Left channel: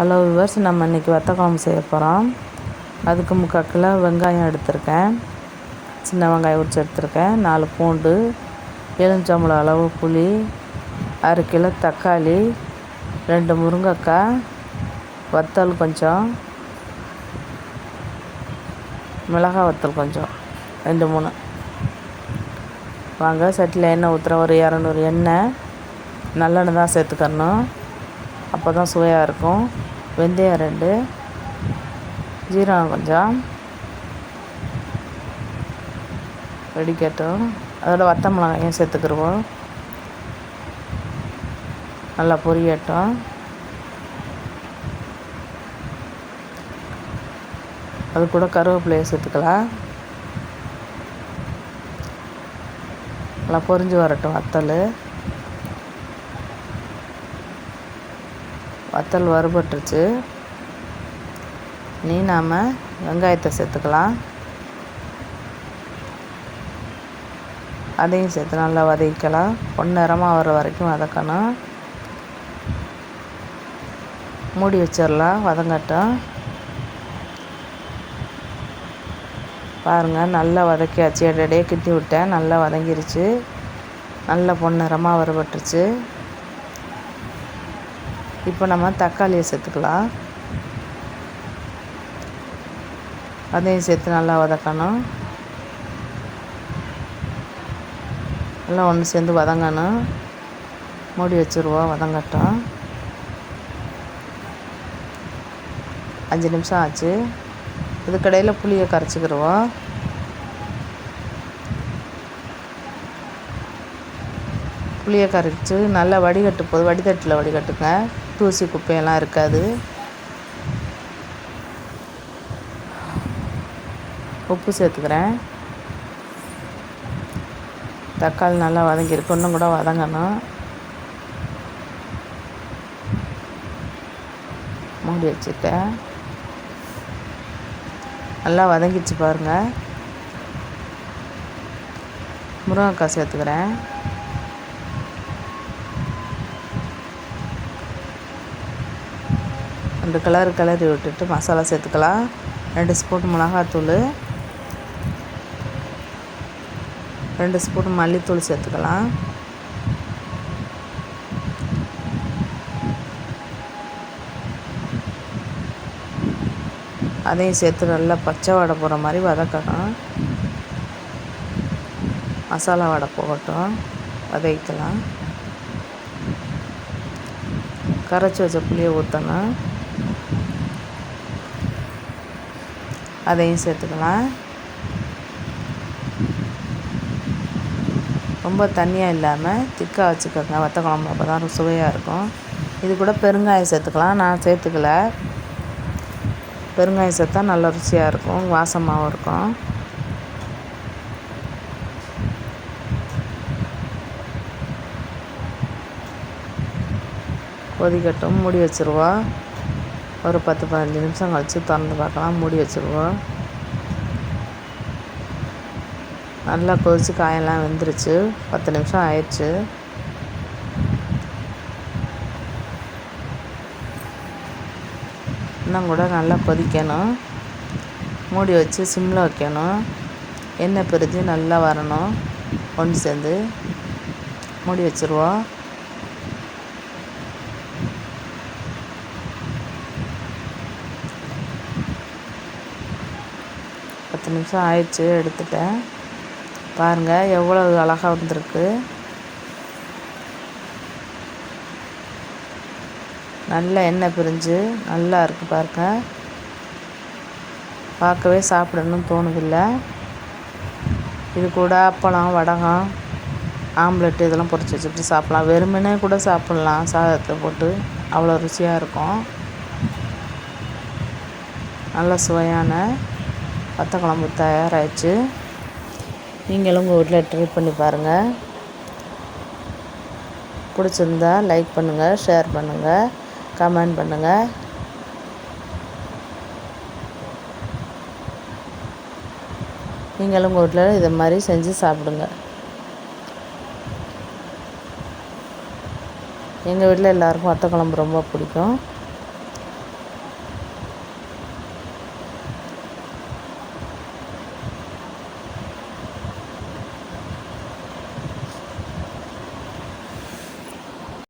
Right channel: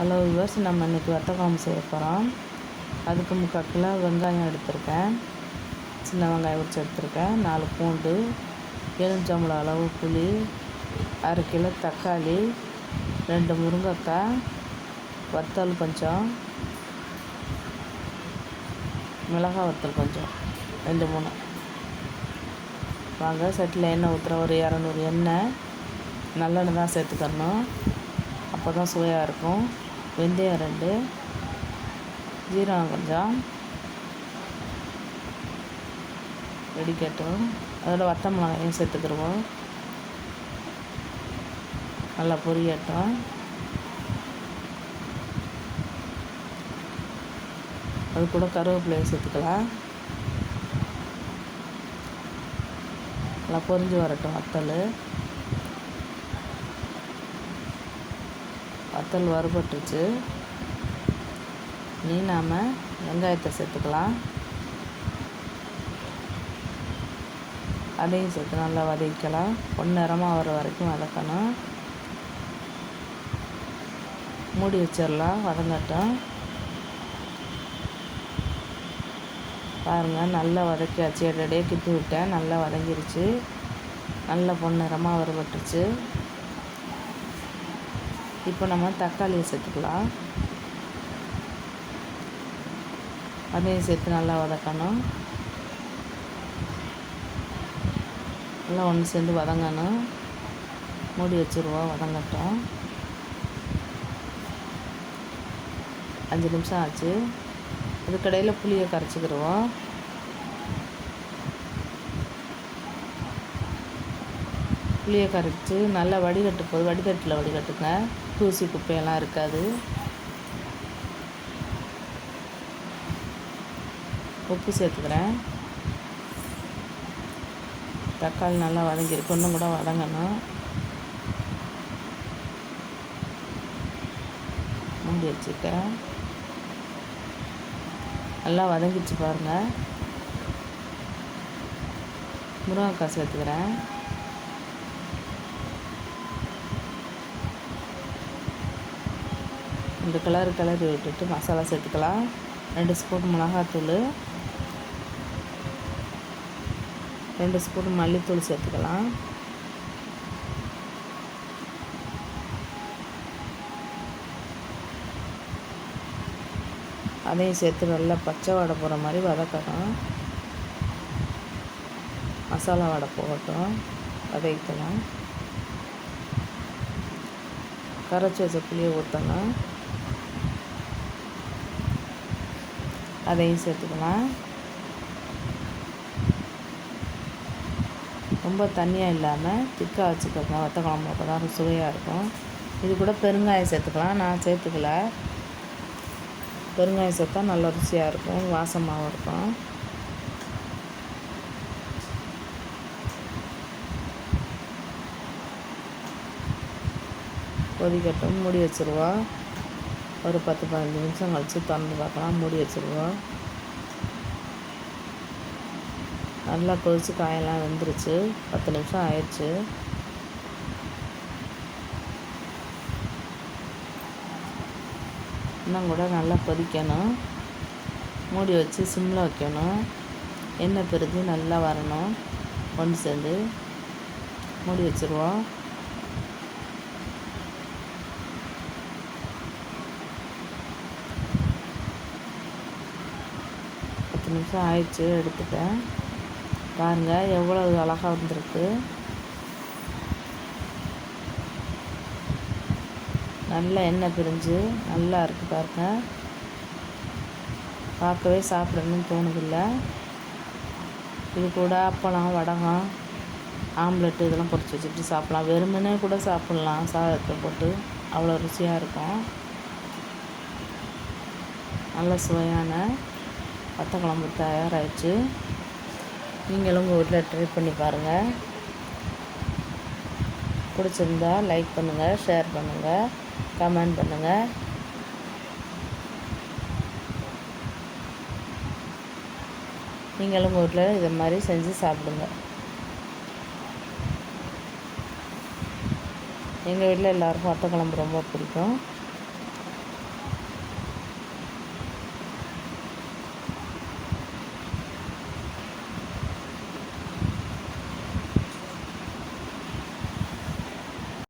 Hello viewers நம்ம இன்றைக்கி வத்த குழம்பு செய்ய போகிறோம் அதுக்கு முக்கால் கிலோ வெங்காயம் எடுத்திருக்கேன். சின்ன வெங்காயம் உரிச்சு எடுத்திருக்கேன். நாலு பூண்டு எலுமிச்சம்பளம் அளவு புளி அரை கிலோ தக்காளி ரெண்டு முருங்கைக்காய் வத்தல் கொஞ்சம் மிளகாய் வத்தல் கொஞ்சம் ரெண்டு மூணு. வாங்க சட்டியில் எண்ணெய் ஊற்றுற ஒரு இரநூறு எண்ணெய். நல்லெண்ணெய் தான் சேர்த்துக்கணும். அப்போ தான் சுவையாக இருக்கும். வெந்தயம் ரெண்டு ஜீரகம் கொஞ்சம் வெடிக்கட்டும். அதோட வத்த மிளகாயும் சேர்த்துக்கிடுவோம் நல்லா பொரியட்டும். அது கூட கருவேப்பிலையை சேர்த்துக்கலாம். நல்லா பொரிஞ்சு வரட்டும் வத்தல். வத்தல் வறுபட்டுருச்சு. நீ நாம் வெங்காயத்தை சேர்த்துக்கலாம். அதையும் சேர்த்து நல்லா வதக்கலாம் பொன்னிறமாக வர வரைக்கும் வதக்கணும். மூடி வச்சிடலாம். வதங்கட்டும். பாருங்கள் நல்லா வதக்கியாச்சு. இடையே கிட்டி விட்டேன். நல்லா வதங்கிருச்சு. நல்லா பொன்னிறமாக வறுபட்டுருச்சு. இப்போ நம்ம தக்காளியை சேர்த்துக்கலாம். அதையும் சேர்த்து நல்லா வதக்கணும். எல்லாம் ஒன்று சேர்ந்து வதங்கணும். மூடி வச்சுருவோம் வதங்கட்டும். அஞ்சு நிமிஷம் ஆச்சு. இதுக்கடையில் புளியை கரைச்சிக்கிடுவோம் புளியை கரைச்சி நல்லா வடிகட்டு போது வடிதட்டில் வடிகட்டுங்க. தூசி குப்பையெல்லாம் இருக்காது. உப்பு சேர்த்துக்கிறேன். தக்காளி நல்லா வதங்கியிருக்கு இன்னும் கூட வதங்கணும். மூடி வச்சுட்டேன். நல்லா வதங்கிச்சு பாருங்கள் முருங்கைக்காய் சேர்த்துக்கிறேன். ரெண்டு கலர் கிளறி விட்டுட்டு மசாலா சேர்த்துக்கலாம். ரெண்டு ஸ்பூன் மிளகாத்தூள். ரெண்டு ஸ்பூன் மல்லித்தூள் சேர்த்துக்கலாம். அதையும் சேர்த்து நல்லா பச்சை வடை போகிற மாதிரி வதக்கணும். மசாலா வடை போகட்டும். வதக்கலாம் கரைச்சி வச்ச புளியை ஊற்றணும் அதையும் சேர்த்துக்கலாம். ரொம்ப தண்ணியாக இல்லாமல் திக்காக வச்சுக்கோங்க. வத்த குழம்பு அப்போ தான் சுவையாக இருக்கும். இது கூட பெருங்காயம் சேர்த்துக்கலாம். நான் சேர்த்துக்கல. பெருங்காயம் சேர்த்தா நல்ல ருசியாக இருக்கும். வாசமாகவும் இருக்கும். கொதிக்கட்டும். மூடி வச்சுருவோம். ஒரு பத்து பதினஞ்சு நிமிஷம் கழித்து திறந்து பார்க்கலாம். மூடி வச்சுருவோம். நல்லா கொதித்து காயெல்லாம் வெந்துருச்சு. பத்து நிமிஷம் ஆயிடுச்சு. இன்னும் கூட நல்லா கொதிக்கணும். மூடி வச்சு சிம்மில் வைக்கணும். எண்ணெய் பிரிஞ்சு நல்லா வரணும். ஒன்று சேர்ந்து மூடி வச்சுருவோம். பத்து நிமிஷம் ஆயிடுச்சு எடுத்துட்டேன். பாருங்கள் எவ்வளோ அழகாக வந்திருக்கு. நல்ல எண்ணெய் பிரிஞ்சு நல்லா இருக்குது பாருங்க. பார்க்கவே சாப்பிடணும்னு தோணுதில்லை. இது கூட அப்பளம் வடகம் ஆம்லெட்டு இதெல்லாம் பொரிச்சு வச்சுட்டு சாப்பிட்லாம். வெறுமனே கூட சாப்பிட்லாம் சாதத்தை போட்டு. அவ்வளோ ருசியாக இருக்கும். நல்ல சுவையான வத்த குழம்பு தயாராகிடுச்சு நீங்களும் உங்கள் வீட்டில் ட்ரை பண்ணி பாருங்கள் பிடிச்சிருந்தா லைக் பண்ணுங்கள் ஷேர் பண்ணுங்கள் கமெண்ட் பண்ணுங்கள் நீங்களும் உங்கள் வீட்டில் இதை மாதிரி செஞ்சு சாப்பிடுங்க. எங்கள் வீட்டில் எல்லாருக்கும் வத்த குழம்பு ரொம்ப பிடிக்கும்.